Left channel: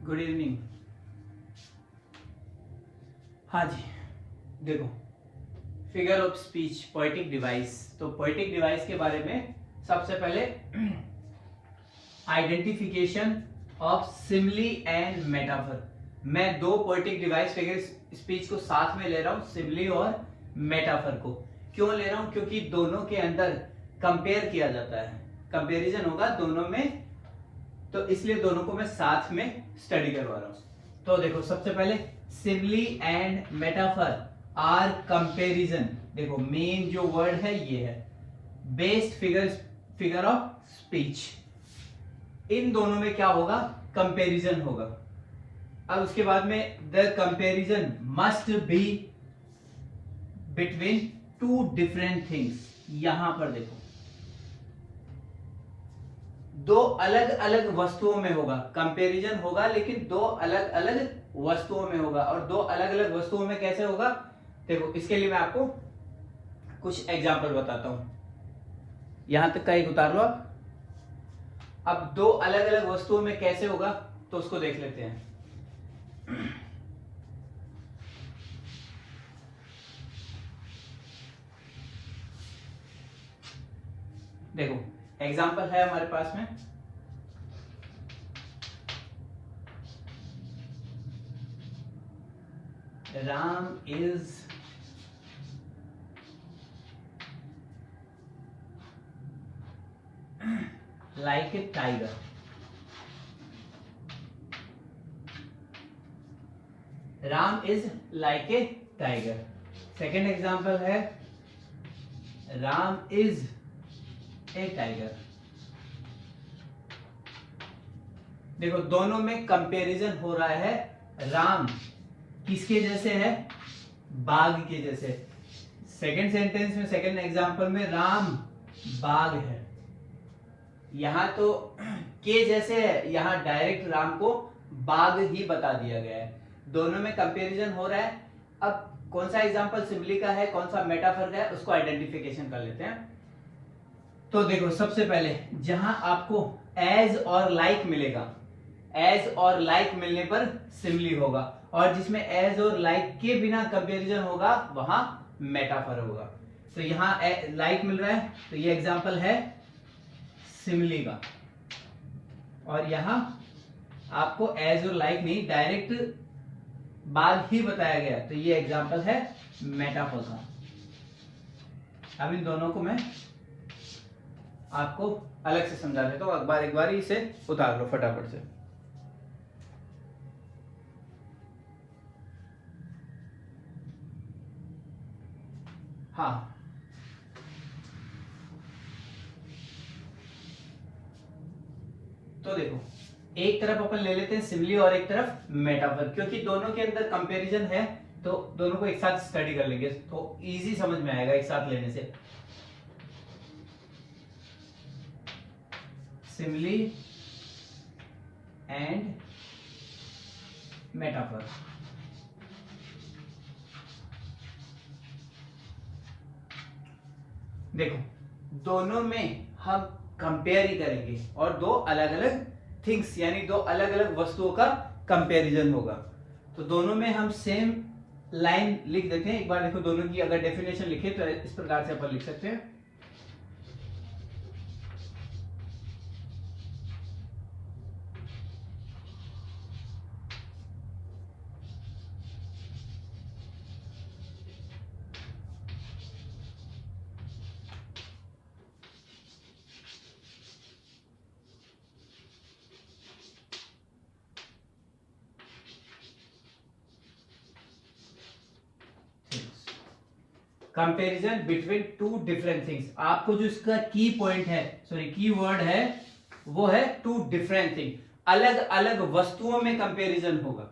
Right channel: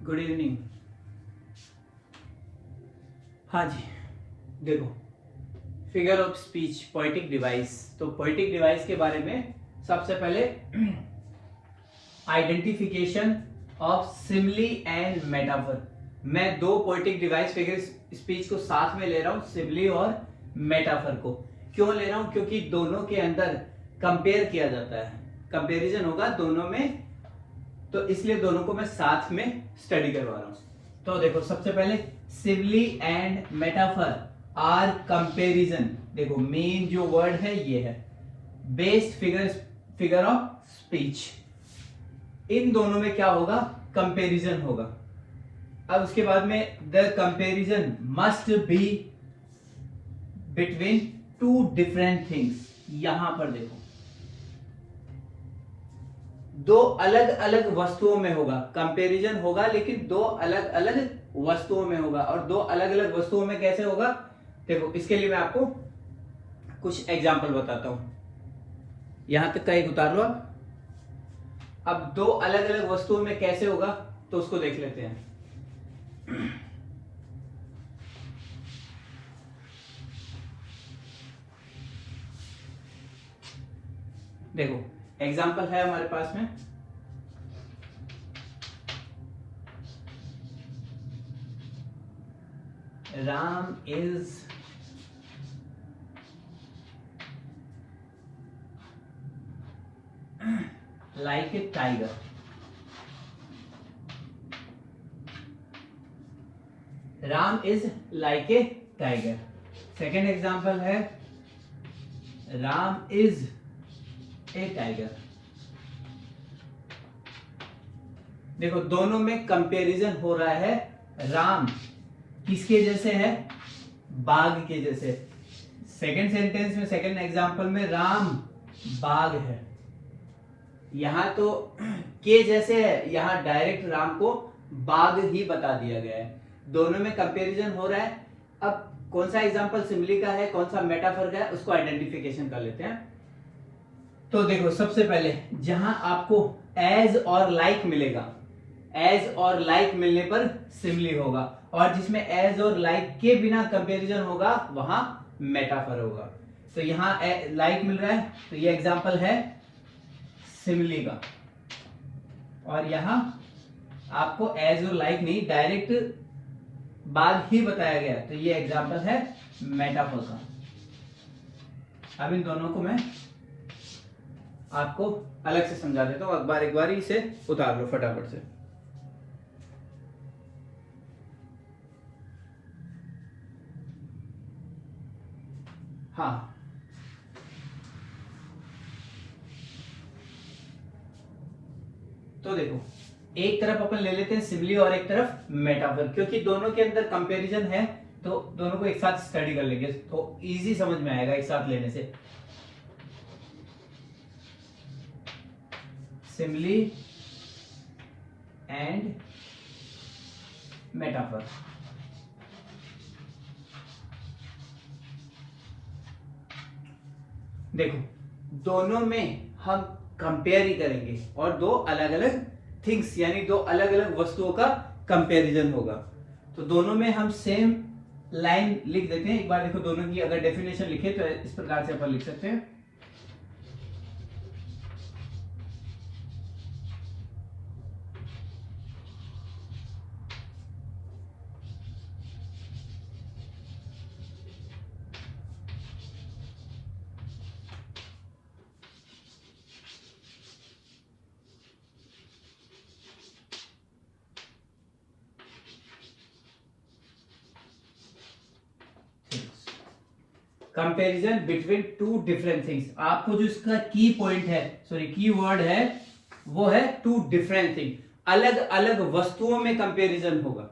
Good evening. हाँ जी, देखो, figure of speech, poetic device. तो पोएटिक डिवाइस के बारे में सबसे पहले identification of simile and metaphor. मैं दो पोएटिक डिवाइस फिगर स्पीच को साथ में ले रहा हूं, सिमिली और मेटाफर को। क्यों ले रहा हूं? क्योंकि दोनों के अंदर कंपेयर किया जाता है, कंपैरिजन होगा दोनों में, तो इसलिए दोनों को मैं साथ में स्टडी करवा रहा हूं। तो देखो, सबसे पहले simile and metaphor are comparison. देखो, मेन जो वर्ड है ये है बेस्ड फिगर ऑफ स्पीच। इन दोनों में क्या होगा? कंपैरिजन होगा। अब उसके बाद में the comparison must be between two different things. यहां पर देखो, दो अलग अलग वस्तुओं में होगा कंपैरिजन होगा, लेकिन दो अलग अलग वस्तुओं में होगा। और दो अलग अलग वस्तुओं में कैसे होगा? देखो, इसके लिए मैं आपको कुछ एग्जांपल बताता हूं। यहां तक का एक उतार लो आप। अब दो अलग अलग वस्तुओं में कैसे होगा, तो उसको देख लेते हैं। देखो, एग्जांपल है हमारे पास में, Ram is like A tiger. Ram is like A tiger. Second example है, राम इज ए टाइगर। देखो, दोनों में कंपैरिजन हो रहा है। राम किसके जैसे है? बाघ के जैसे। सेकेंड सेंटेंस में, सेकेंड एग्जांपल में राम बाघ है। यहां तो के जैसे है, यहां डायरेक्ट राम को बाघ ही बता दिया गया है। दोनों में कंपैरिजन हो रहा है। अब कौन सा एग्जांपल सिमिली का है, कौन सा मेटाफर का है, उसको आइडेंटिफिकेशन कर लेते हैं। तो देखो, सबसे पहले जहां आपको एज और लाइक मिलेगा, एज और लाइक मिलने पर सिमिली होगा, और जिसमें एज और लाइक के बिना कंपैरिजन होगा वहां मेटाफर होगा। तो यहां लाइक मिल रहा है, तो ये एग्जांपल है सिमिली का। और यहां आपको एज और लाइक नहीं, डायरेक्ट बाघ ही बताया गया, तो ये एग्जांपल है मेटाफर का। अब इन दोनों को मैं आपको अलग से समझा देता हूं। एक बार इसे उतार लो फटाफट से। हाँ, तो देखो, एक तरफ अपन ले लेते हैं सिमिली और एक तरफ मेटाफर, क्योंकि दोनों के अंदर कंपैरिजन है, तो दोनों को एक साथ स्टडी कर लेंगे तो इजी समझ में आएगा एक साथ लेने से। Simile and metaphor. देखो, दोनों में हम कंपेयर ही करेंगे, और दो अलग अलग थिंग्स यानी दो अलग अलग वस्तुओं का कंपैरिजन होगा। तो दोनों में हम सेम लाइन लिख देते हैं। एक बार देखो, दोनों की अगर डेफिनेशन लिखे तो इस प्रकार से अपन लिख सकते हैं। Comparison between two different things. आपको जो इसका की पॉइंट है, सॉरी की वर्ड है, वो है टू डिफरेंट थिंग। अलग अलग वस्तुओं में कंपैरिजन होगा।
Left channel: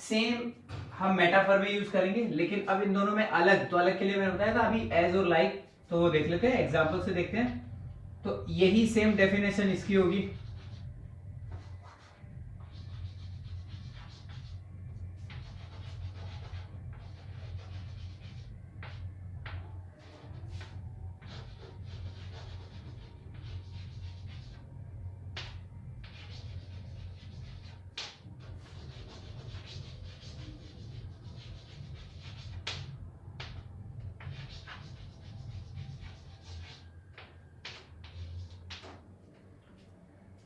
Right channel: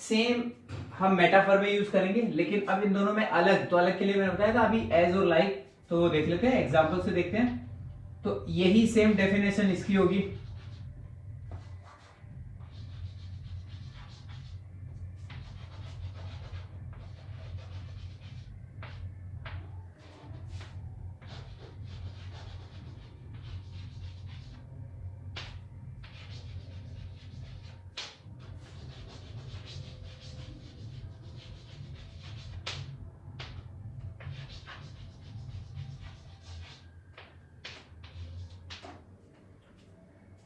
सेम हम मेटाफर में यूज करेंगे, लेकिन अब इन दोनों में अलग, तो अलग के लिए मैंने बताया था अभी एज और लाइक। तो देख लेते हैं, एग्जांपल से देखते हैं। तो यही सेम डेफिनेशन इसकी होगी।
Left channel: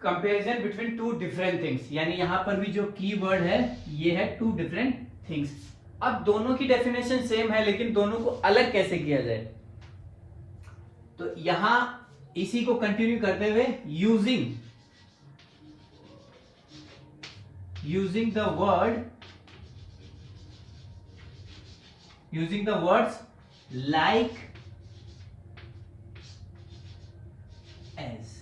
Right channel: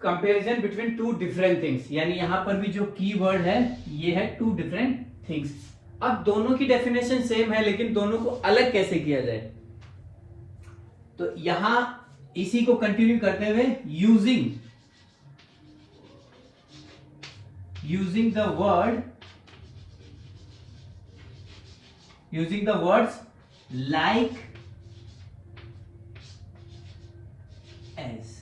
Comparison between two different things, यानी यहां पर भी जो की वर्ड है ये है टू डिफरेंट थिंग्स। अब दोनों की डेफिनेशन सेम है लेकिन दोनों को अलग कैसे किया जाए, तो यहां इसी को कंटिन्यू करते हुए using the words like as,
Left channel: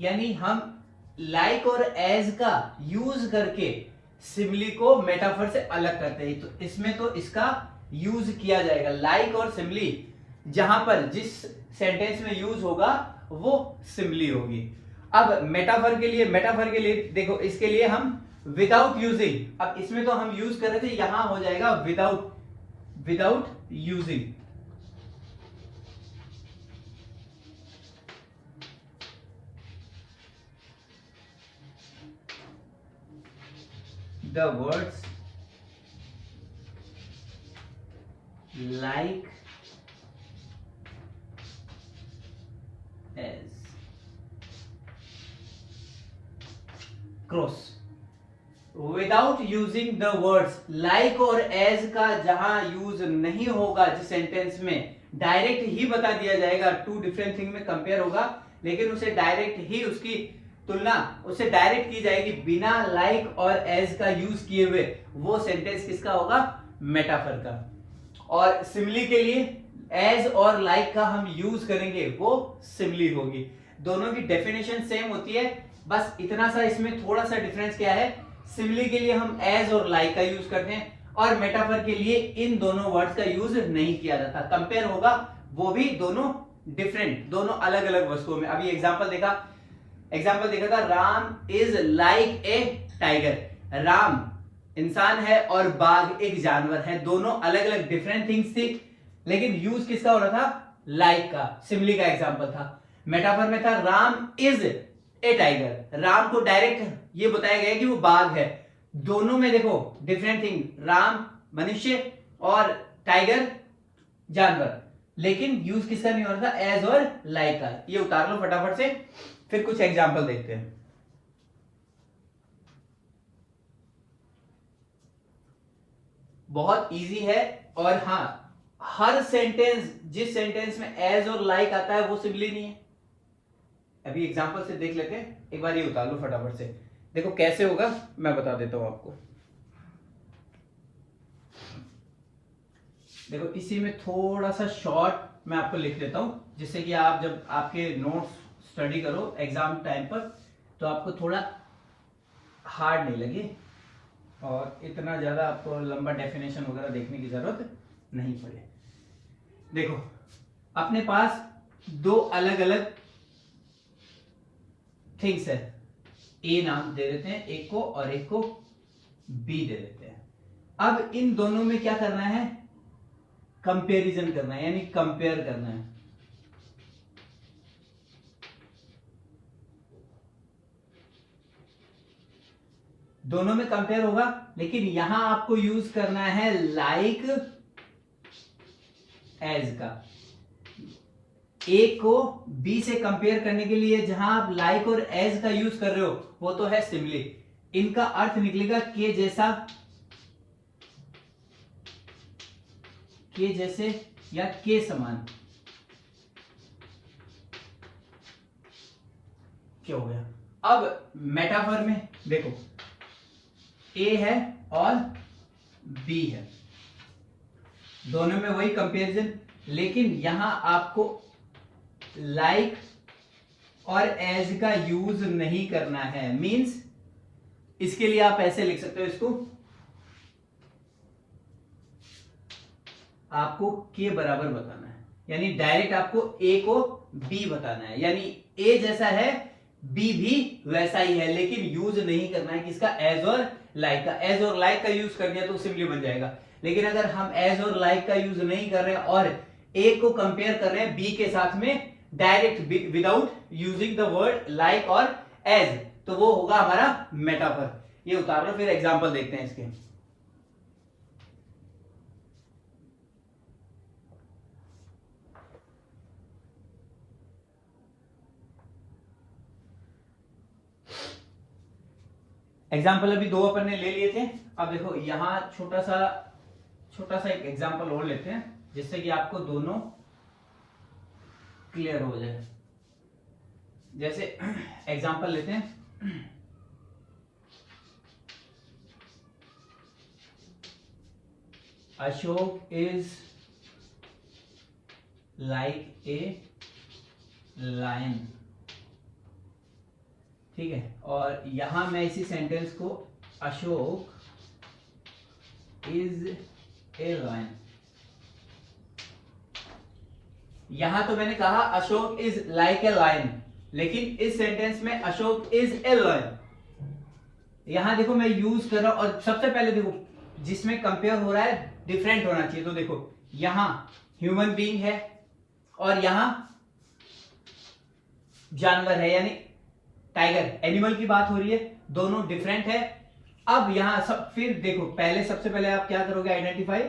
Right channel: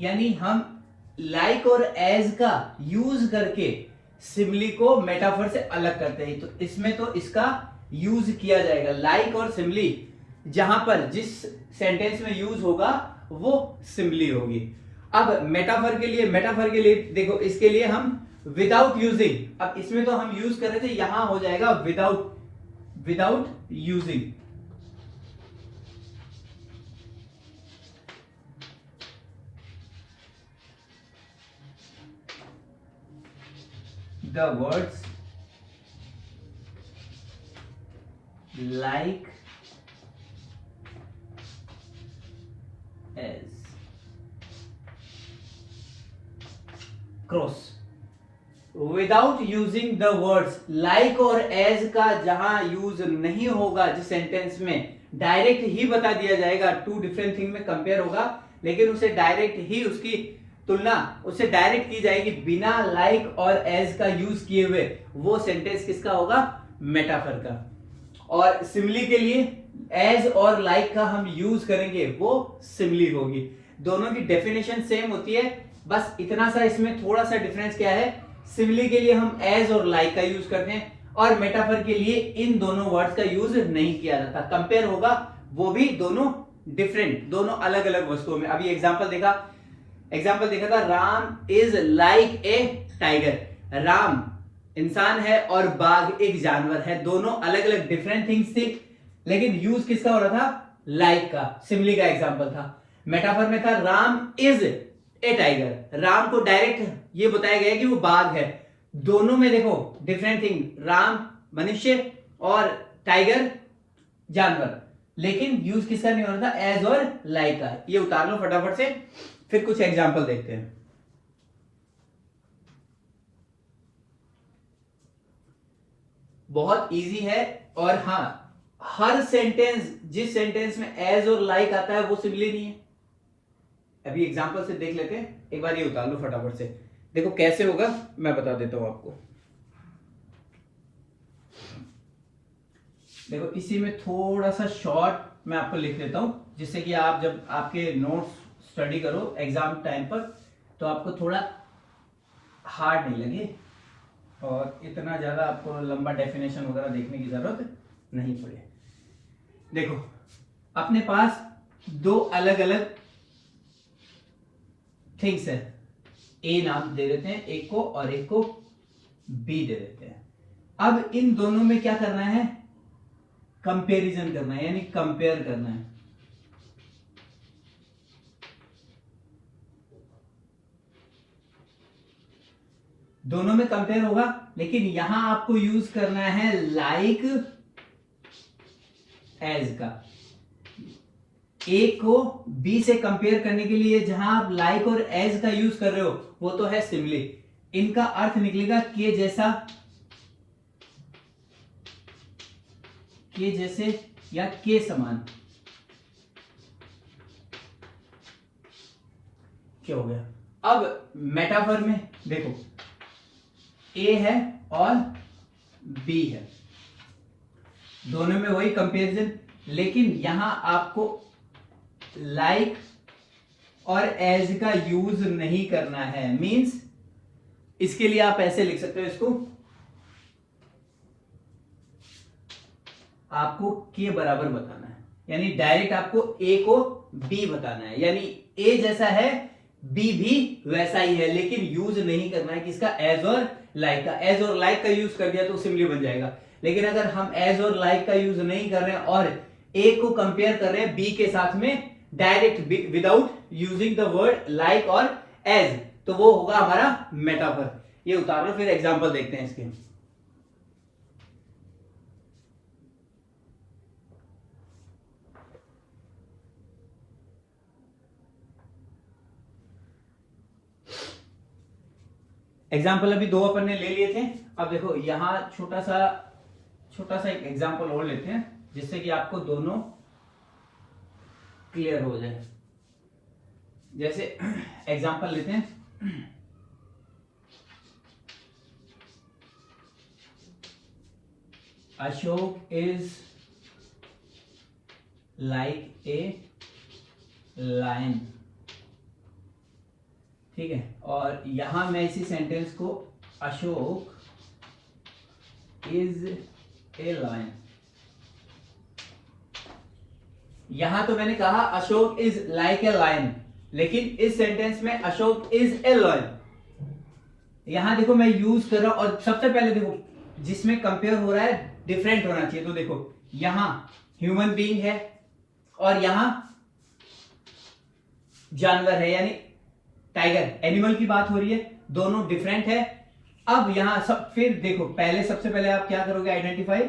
यानी हम लाइक और एज का यूज करके सिमिली को मेटाफर से अलग करते हैं। तो इसमें तो इसका यूज किया जाएगा, लाइक और सिमिली जहां पर जिस सेंटेंस में यूज होगा वो सिमिली होगी। अब मेटाफर के लिए देखो, इसके लिए हम विदाउट यूजिंग, अब इसमें तो हम यूज कर रहे थे, यहां हो जाएगा without using. The words like as, cross, without using the words like और एज का जहां यूज नहीं होगा, जिस सेंटेंस में डायरेक्ट ही बता दिया जाएगा, टू डिफरेंट थिंग में कंपेयर होगा लेकिन उसे डायरेक्ट ही उसकी तुलना उससे डायरेक्ट की जाएगी बिना लाइक और एज का यूज किए हुए, वो सेंटेंस किसका होगा, मेटाफर का। और सिमिली के लिए एज और लाइक का हम यूज करेंगे, वो सिमिली होगी। दोनों की डेफिनेशन सेम होती है, बस इतना सा इसमें थोड़ा सा डिफरेंस क्या है, सिमिली के लिए हम एज और लाइक का यूज करते हैं और मेटाफर के लिए इन दोनों वर्ड्स का यूज नहीं किया जाता। कंपेयर होगा वो भी दोनों डिफरेंट, दोनों अलग अलग वस्तुओं में। अभी एग्जाम्पल देखा था, Ram is like A tiger, Ram इंसान है और बाघ एक जानवर है, दोनों अलग अलग डिफरेंट थिंग्स थी लेकिन यूज किसका हो रहा था, लाइक का, सिमिली का एग्जांपल था। मेटाफर में था Ram is a tiger, Ram को डायरेक्ट ये बताया गया कि वो बाघ है, दोनों में देखो डिफरेंट थिंग, राम मनुष्य और टाइगर जानवर, लेकिन यूज किसका नहीं हो रहा था, एज और लाइक का। ये उतार लो फटाफट से, फिर कुछ एग्जाम्पल देखते हैं। बहुत इजी है, और हाँ, हर सेंटेंस, जिस सेंटेंस में एज और लाइक आता है वो सिमिली नहीं है। अभी एग्जाम्पल से देख लेते हैं, एक बार ये उतार लो फटाफट से, देखो कैसे होगा मैं बता देता हूं आपको। देखो इसी में थोड़ा सा शॉर्ट मैं आपको लिख देता हूं, जिससे कि आप जब आपके नोट्स स्टडी करो एग्जाम टाइम पर तो आपको थोड़ा हार्ड नहीं लगे और इतना ज्यादा आपको लंबा डेफिनेशन वगैरह देखने की जरूरत नहीं पड़े। देखो अपने पास दो अलग अलग थिंग्स है, ए नाम दे देते हैं एक को और एक को बी दे देते हैं। अब इन दोनों में क्या करना है, कंपैरिजन करना है, यानी कंपेयर करना है। दोनों में कंपेयर होगा लेकिन यहां आपको यूज करना है लाइक एज का। ए को बी से कंपेयर करने के लिए जहां आप लाइक और एज का यूज कर रहे हो वो तो है सिमिली, इनका अर्थ निकलेगा के जैसा, के जैसे या के समान। क्या हो गया, अब मेटाफर में देखो ए है और बी है, दोनों में वही कंपैरिजन, लेकिन यहां आपको लाइक और एज का यूज नहीं करना है। मींस इसके लिए आप ऐसे लिख सकते हो इसको, आपको के बराबर बताना है, यानी डायरेक्ट आपको ए को बी बताना है, यानी ए जैसा है बी भी वैसा ही है, लेकिन यूज नहीं करना है किसका, एज और लाइक का। एज और लाइक का यूज कर दिया तो सिमिली बन जाएगा, लेकिन अगर हम एज और लाइक का यूज नहीं कर रहे हैं और ए को कंपेयर कर रहे हैं बी के साथ में direct without using the word like और एज, तो वो होगा हमारा मेटाफर। ये उतार लो, फिर एग्जांपल देखते हैं इसके। एग्जाम्पल अभी दो अपन ने ले लिए थे। अब देखो यहाँ छोटा सा एक एग्जाम्पल और लेते हैं जिससे कि आपको दोनों क्लियर हो जाए। जैसे एग्जाम्पल लेते हैं, Ashok is like a lion, ठीक है। और यहां मैं इसी सेंटेंस को अशोक इज ए लायन, यहां तो मैंने कहा Ashok is like a lion, लेकिन इस सेंटेंस में अशोक इज ए लायन, यहां देखो मैं यूज कर रहा हूं। और सबसे पहले देखो जिसमें कंपेयर हो रहा है डिफरेंट होना चाहिए। तो देखो यहां ह्यूमन बीइंग है और यहां जानवर है, यानी टाइगर, एनिमल की बात हो रही है, दोनों डिफरेंट है। अब यहां सब फिर देखो पहले सबसे पहले आप क्या करोगे, आइडेंटिफाई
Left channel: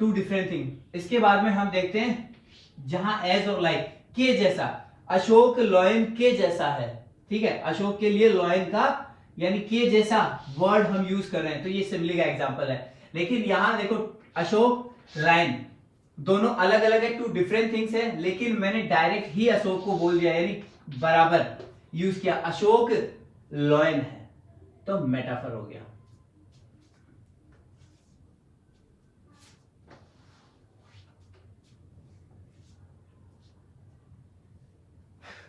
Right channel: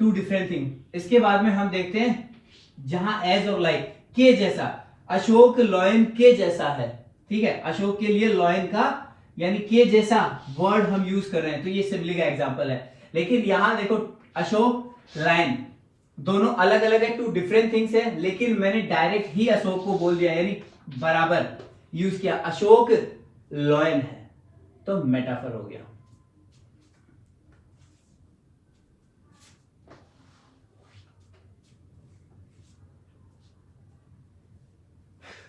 टू डिफरेंट थिंग। इसके बाद में हम देखते हैं जहां एज और लाइक, के जैसा, अशोक लॉयन के जैसा है, ठीक है। अशोक के लिए लॉयन का यानी के जैसा वर्ड हम यूज कर रहे हैं, तो ये सिमिली का एग्जांपल है। लेकिन यहां देखो अशोक लायन दोनों अलग अलग है, टू डिफरेंट थिंग्स है, लेकिन मैंने डायरेक्ट ही अशोक को बोल दिया यानी बराबर यूज किया, अशोक लॉयन है, तो मेटाफर हो गया।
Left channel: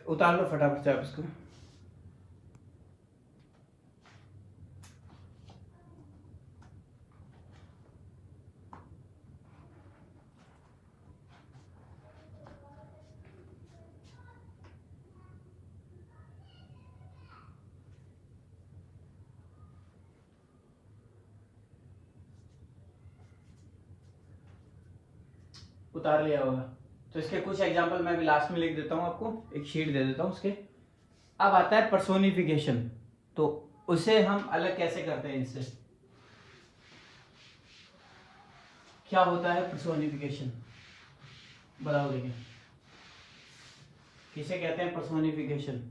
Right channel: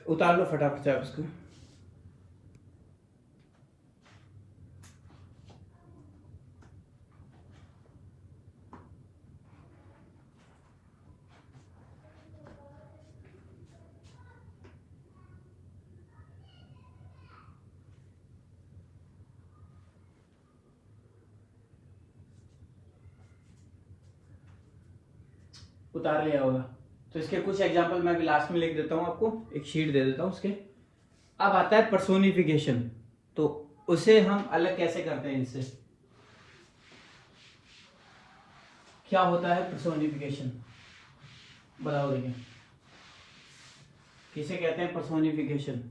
उतार लो फटाफट से आप इसको। उतार लिया होगा तो इसके कुछ एग्जांपल मैं भी लास्ट में लिख देता हूं, आपको एक शीट दे देता हूं उसके। अब आता है पर्सोनिफिकेशन, तो उसे हम अलग कैसे करते हैं इससे, क्या होता है पर्सोनिफिकेशन, बताओ देखिए किसे कहते हैं पर्सोनिफिकेशन।